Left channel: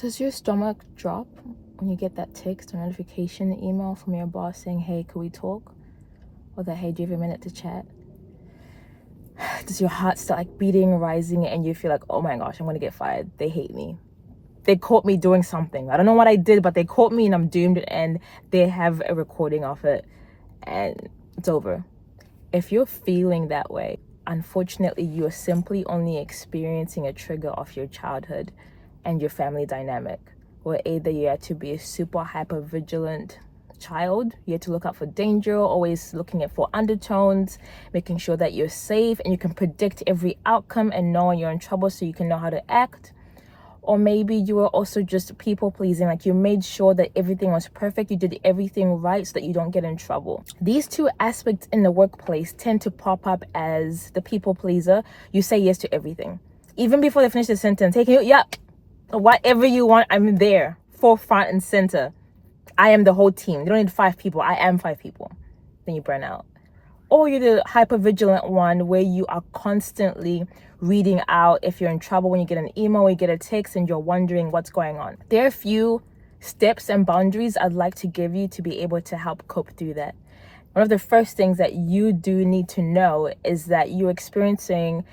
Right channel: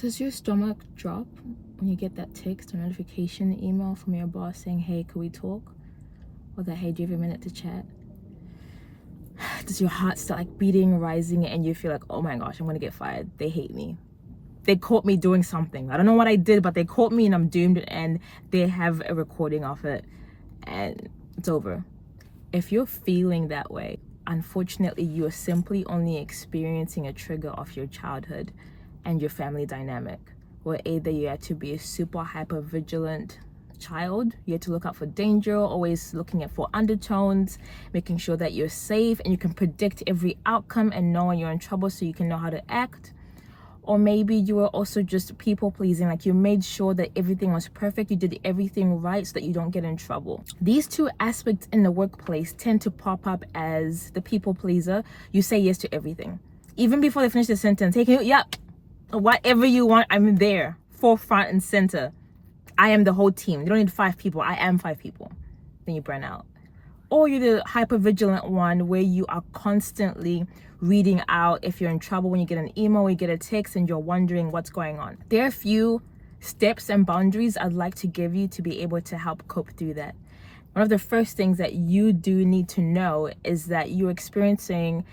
Does your stomach drop when you get that text or notification email from your boss saying, hey, could we talk? Or that, hey, do you have a minute to chat? Does your heart start like beating, rising, and you feel like, oh my gosh, I'm gonna get fired. They hate me. They caught me doing something. I don't know what I did, but they caught me and I'm doomed, and they have a recording of it and it's over. If you're feeling that way, unfortunately, you're simply only experiencing a trigger of your childhood and your family dynamic, where either you had to be a super hyper vigilant child, you had to look out for danger, always looking at for undertones, making sure that you're safe and you can predict every outcome and know when you're in trouble so you can know how to act. Or maybe you were also just people pleasing, like you made sure that everything was perfect, you did everything right so that you don't get in trouble. These two aspects in the workplace tend to pop up as the people pleaser. You say yes to everything. Even before they finish the sentence, hey, whatever you want, I'm there, forefront and center. I am the whole team. You don't need 5 people. I am 5 people. Then you burn out. Or you're the hypervigilant one where you are constantly reading out if you're in trouble when you get an email or you get a text and you're wondering what's going on. There are a few steps and boundaries I'd like to give you to be able to help cope through that. One of the first things that you do need to know is that you're experiencing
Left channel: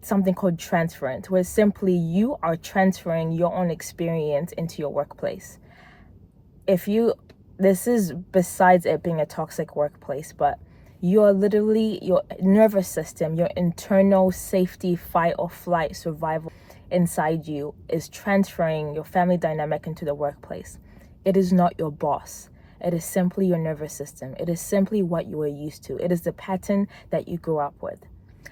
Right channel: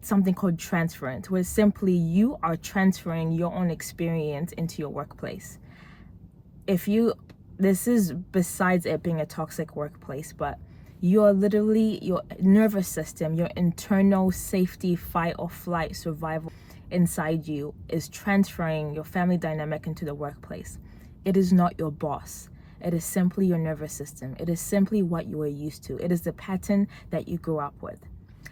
something called transference, where simply you are transferring your own experience into your workplace. This is besides it being a toxic workplace, but you're literally, your nervous system, your internal safety, fight or flight, survival inside you is transferring your family dynamic into the workplace. It is not your boss. It is simply your nervous system. It is simply what you are used to. It is the pattern that you grew up with.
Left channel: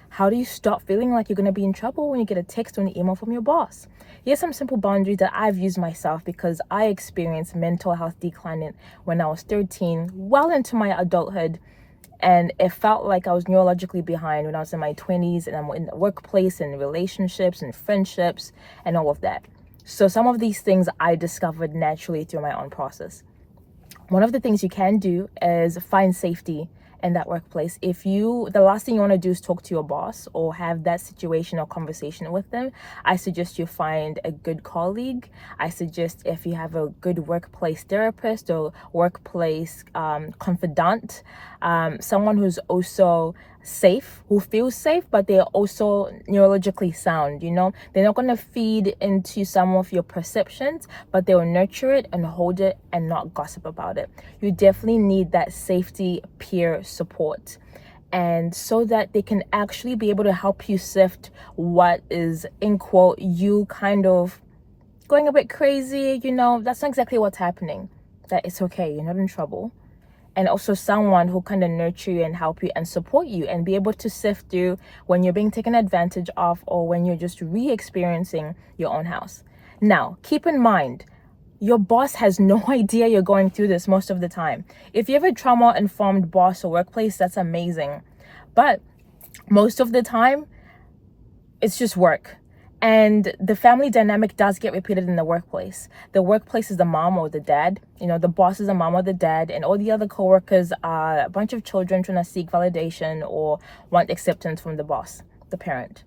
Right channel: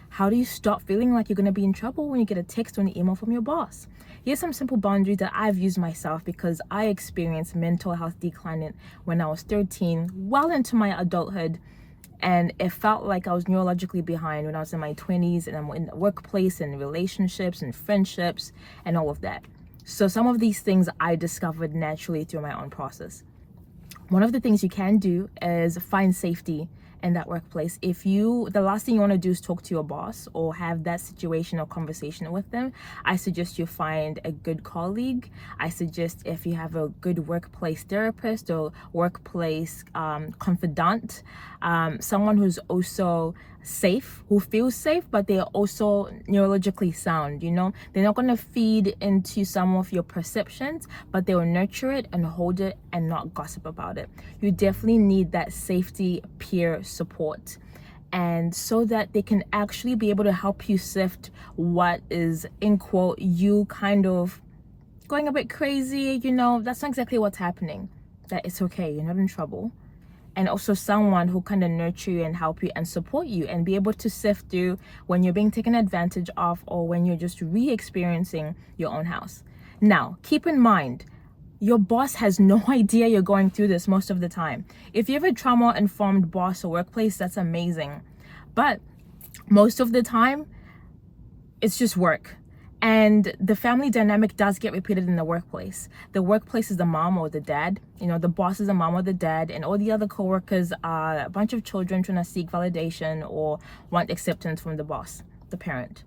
How do you stop feeling like you're going to be in trouble when you get a text or an email from your boss? Here's some simple boundaries that I've used myself because I experienced mental health decline when I was 13, well into my adulthood. And it felt like I was neurologically behind when I was in my 20s, and I'm in the workplace and relationships and friendships and all of that. So some of these things I discovered naturally through my own process. One of the things you can do is find safety in that workplace. The last thing you want to do is talk to your boss or have that situation or conversation with them, I suggest you find a good colleague. I suggest if you have a good workplace therapist or workplace confidant, someone who's also safe, who feels safe, but they're also neurologically sound. They're not going to feed into some of your perceptions, but they'll nurture it and hold it and not gossip about it. You definitely need that safety peer support, and so that they can actually be able to help you sift what is, in quote, you kind of going a bit crazy. That's not exactly what's happening, that it's okay, you're not in trouble. And also someone who kind of nurture you and help you and support you and be able to sift through when you're being taken advantage of or when you're just re-experiencing your own house. Now, keep in mind, your boss has no idea you're going through this most of the time. If you have a trauma-informed boss or workplace, that's amazing. But most of the time, it's just work. And the family dynamic does get repeated in the workplace. The workplace is the mom or the dad. The boss is the mom or the dad, and all the other coworkers are a bunch of children trying to seek validation or want acceptance from the boss, the parent.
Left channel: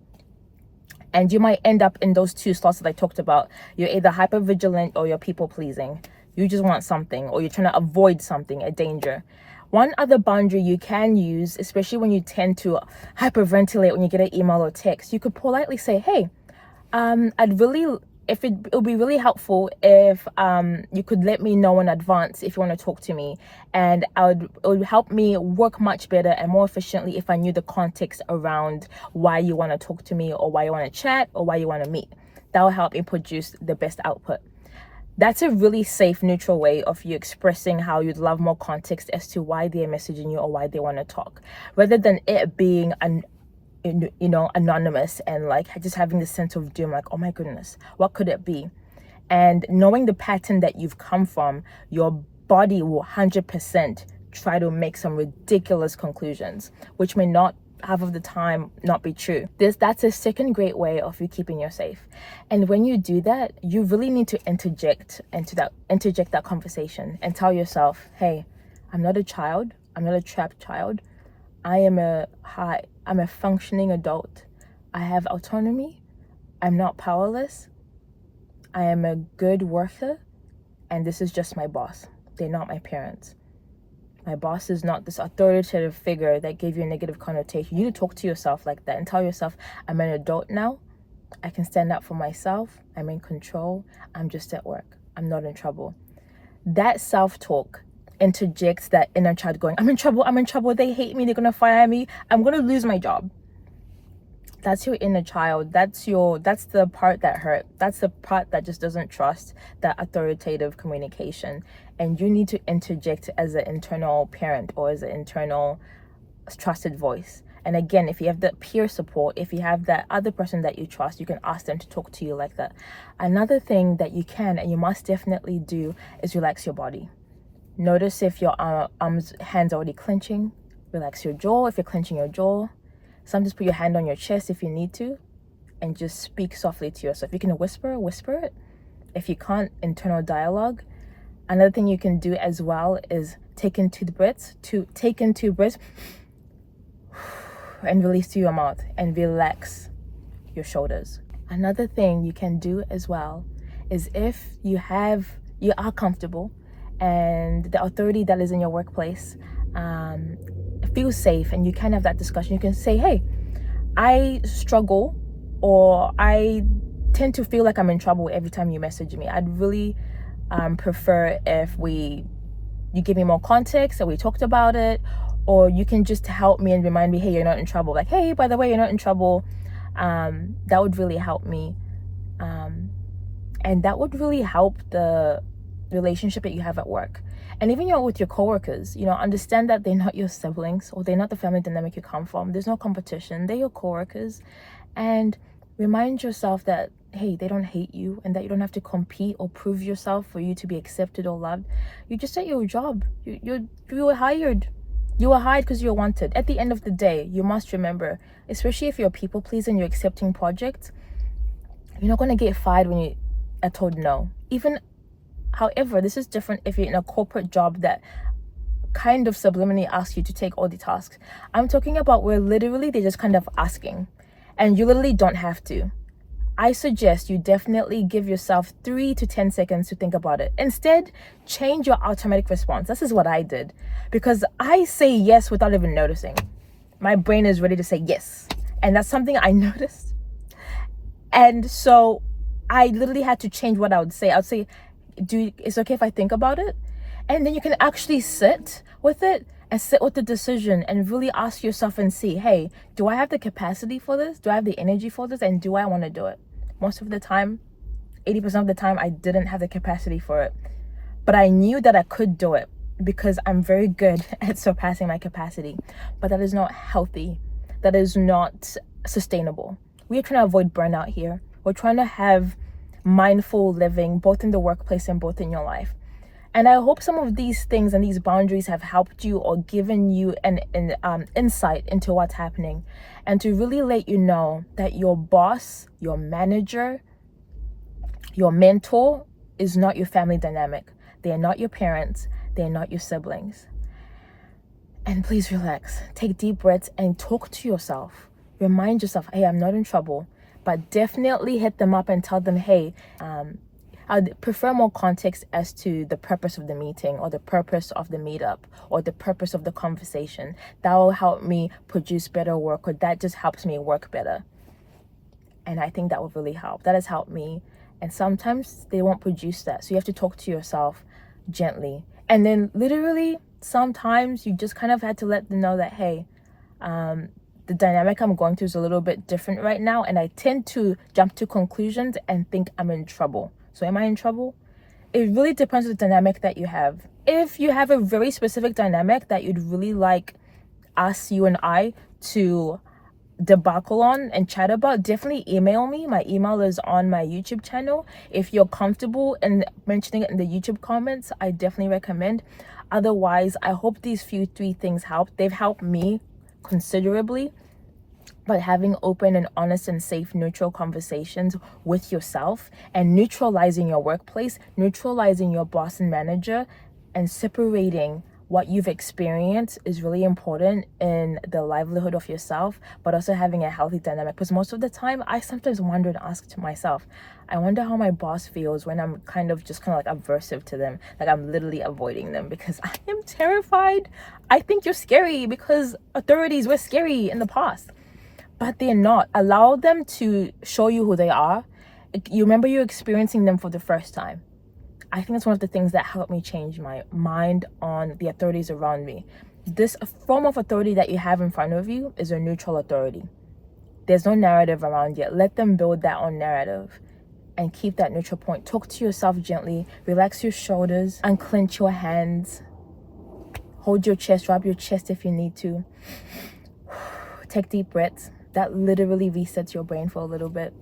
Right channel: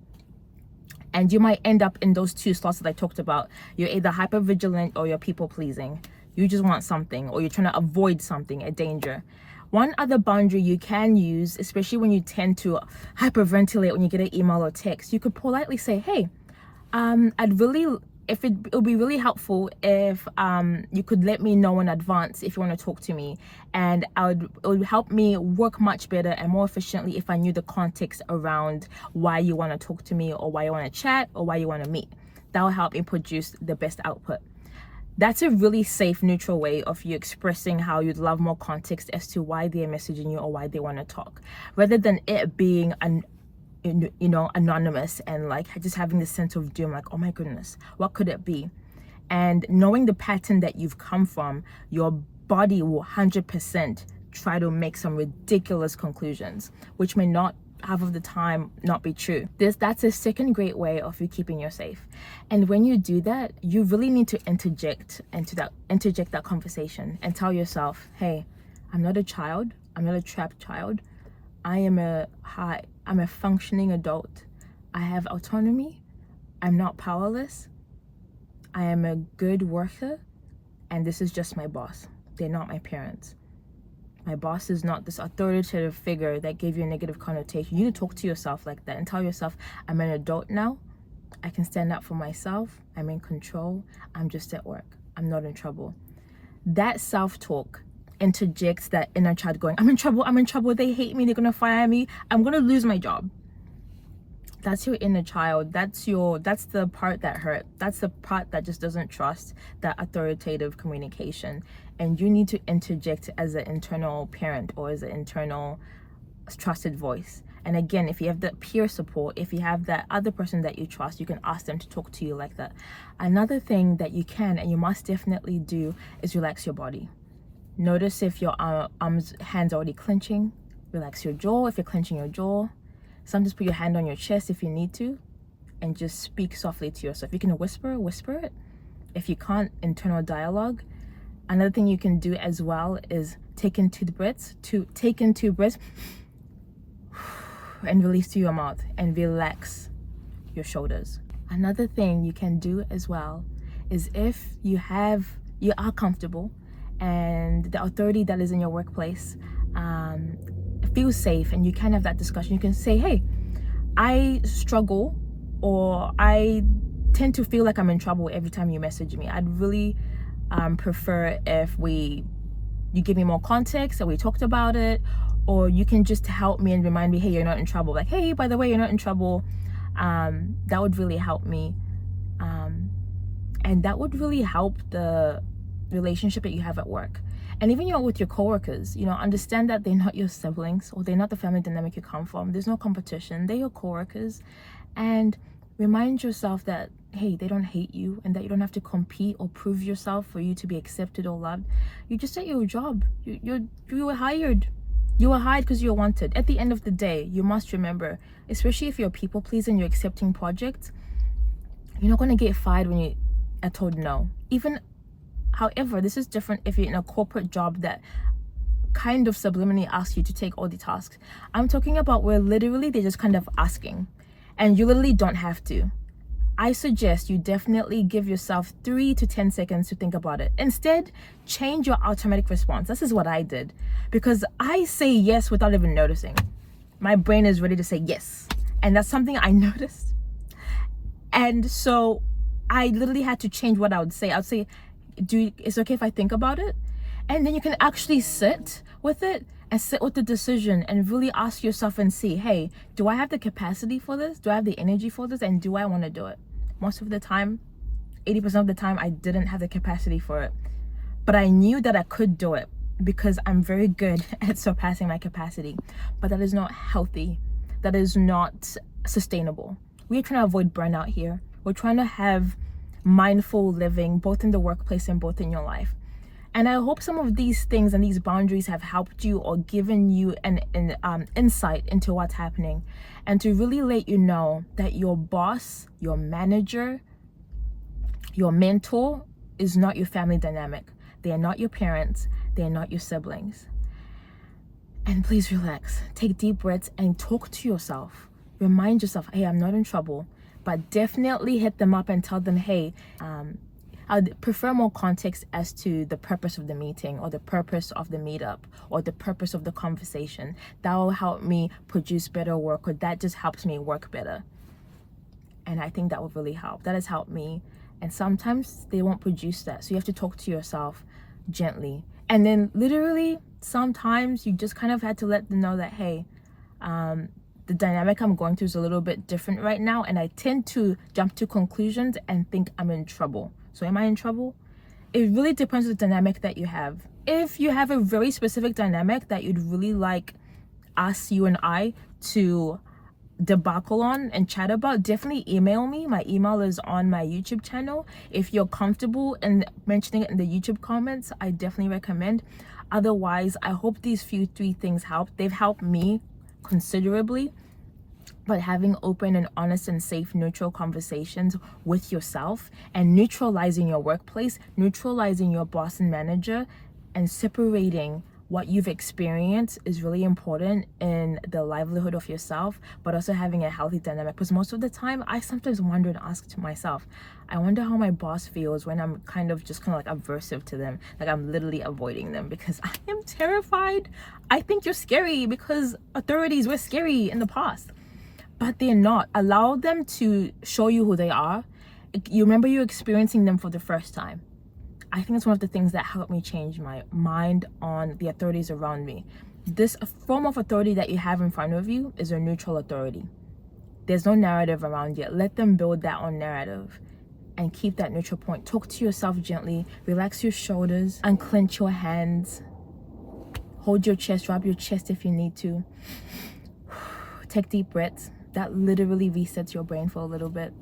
And you might end up in those two slots that I talked about. You're either hypervigilant or you're people pleasing. You just want something, or you're trying to avoid something, a danger. One other boundary you can use, especially when you tend to hyperventilate when you get an email or text, you could politely say, hey, it would be really helpful if you could let me know in advance if you want to talk to me, and it would help me work much better and more efficiently if I knew the context around why you want to talk to me or why you want to chat or why you want to meet. That will help me produce the best output. That's a really safe, neutral way of you expressing how you'd love more context as to why they're messaging you or why they want to talk, rather than it being anonymous and like just having this sense of doom, like, oh my goodness, what could it be? And knowing the pattern that you've come from, your body will 100% try to make some ridiculous conclusions, which may not half of the time not be true. That's a second great way of you keeping you safe. And when you do that, you really need to interject that conversation and tell yourself, hey, I'm not a child, I'm not a trapped child. I'm a functioning adult. I have autonomy. I'm not powerless. I am a good worker, and this is just my boss. They're not my parents. My boss is not this authoritative figure that gave you a negative connotation. You need to talk to yourself like that and tell yourself, I'm an adult now. I can stand up for myself. I'm in control. I'm just at work. I'm not in trouble. That self-talk interjects that inner child going, I'm in trouble, they hate me, they're gonna fire me, I'm gonna lose my job. That's your inner child. That's the part that hurt. That's the part that just doesn't trust that authoritative communication. And you need to interject as an internal parent or as an internal trusted voice. And again, if you have that peer support, if you have that other person that you trust, you can ask them to talk to you like that. Another thing that you can and you must definitely do is relax your body. Notice if your hands are already clenching. Relax your jaw if you're clenching your jaw. Sometimes put your hand on your chest if you need to, and just speak softly to yourself. If you can whisper it. If you can't, internal dialogue. Another thing you can do as well is take in 2 breaths, and release through your mouth and relax your shoulders. Another thing you can do as well is if you are comfortable and the authority that is in your workplace feels safe, and you can have that discussion. You can say, hey, I struggle, or I tend to feel like I'm in trouble every time you message me. I'd really prefer if you give me more context, that we talked about it, or you can just help me and remind me, hey, you're not in trouble. Like, hey, by the way, you're not in trouble. That would really help me. And that would really help the relationship that you have at work. And even with your coworkers, understand that they're not your siblings, or they're not the family dynamic you come from. There's no competition. They're your coworkers. And remind yourself that, hey, they don't hate you, and that you don't have to compete or prove yourself for you to be accepted or loved. You're just at your job. You were hired. You were hired because you're wanted. At the end of the day, you must remember, especially if you're a people pleaser and you're accepting projects, you're not going to get fired when you are told no. However, this is different if you're in a corporate job that kind of subliminally asks you to take all the tasks. I'm talking about where literally they're just kind of asking, and you literally don't have to. I suggest you definitely give yourself 3 to 10 seconds to think about it. Instead, change your automatic response. This is what I did, because I say yes without even noticing. My brain is ready to say yes, and that's something I noticed. And so I literally had to change what I would say. I would say, it's okay if I think about it? And then you can actually sit with it and sit with the decision and really ask yourself and see, hey, do I have the capacity for this? Do I have the energy for this? And do I want to do it? Most of the time, 80% of the time, I didn't have the capacity for it. But I knew that I could do it because I'm very good at surpassing my capacity. But that is not healthy. That is not sustainable. We are trying to avoid burnout here. We're trying to have mindful living, both in the workplace and both in your life. And I hope some of these things and these boundaries have helped you or given you an insight into what's happening, and to really let you know that your boss, your manager, your mentor is not your family dynamic. They are not your parents. They are not your siblings. And please relax. Take deep breaths and talk to yourself. Remind yourself, hey, I'm not in trouble. But definitely hit them up and tell them, hey, I'd prefer more context as to the purpose of the meeting, or the purpose of the meetup, or the purpose of the conversation. That will help me produce better work, or that just helps me work better. And I think that will really help. That has helped me. And sometimes they won't produce that. So you have to talk to yourself gently. And then literally, sometimes you just kind of had to let them know that, hey, the dynamic I'm going through is a little bit different right now, and I tend to jump to conclusions and think I'm in trouble. So am I in trouble? It really depends on the dynamic that you have. If you have a very specific dynamic that you'd really like you and I to debacle on and chat about, definitely email me. My email is on my YouTube channel. If you're comfortable in mentioning it in the YouTube comments, I definitely recommend. Otherwise, I hope these 3 things help. They've helped me considerably. But having open and honest and safe, neutral conversations with yourself, and neutralizing your workplace, neutralizing your boss and manager, and separating what you've experienced is really important in the livelihood of yourself, but also having a healthy dynamic. Because most of the time, I sometimes wonder and ask to myself, I wonder how my boss feels when I'm kind of like aversive to them. Like I'm literally avoiding them because I am terrified. I think you're scary because authorities were scary in the past, but they're not. Allow them to show you who they are. You remember you're experiencing them for the first time. I think that's one of the things that helped me change my mind on the authorities around me. This form of authority that you have in front of you is a neutral authority. There's no narrative around it. Let them build that own narrative and keep that neutral point. Talk to yourself gently. Relax your shoulders. Unclench your hands. Hold your chest. Rub your chest if you need to. Take deep breaths. That literally resets your brain for a little bit.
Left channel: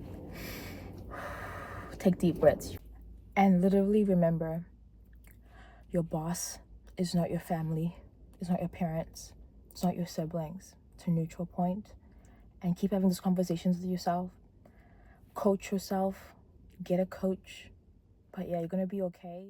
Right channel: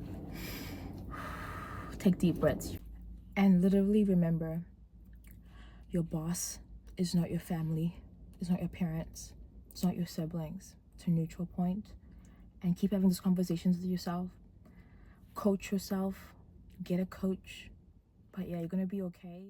Take deep breaths. And literally remember, your boss is not your family. It's not your parents. It's not your siblings. It's a neutral point. And keep having these conversations with yourself. Coach yourself. Get a coach. But yeah, you're going to be okay.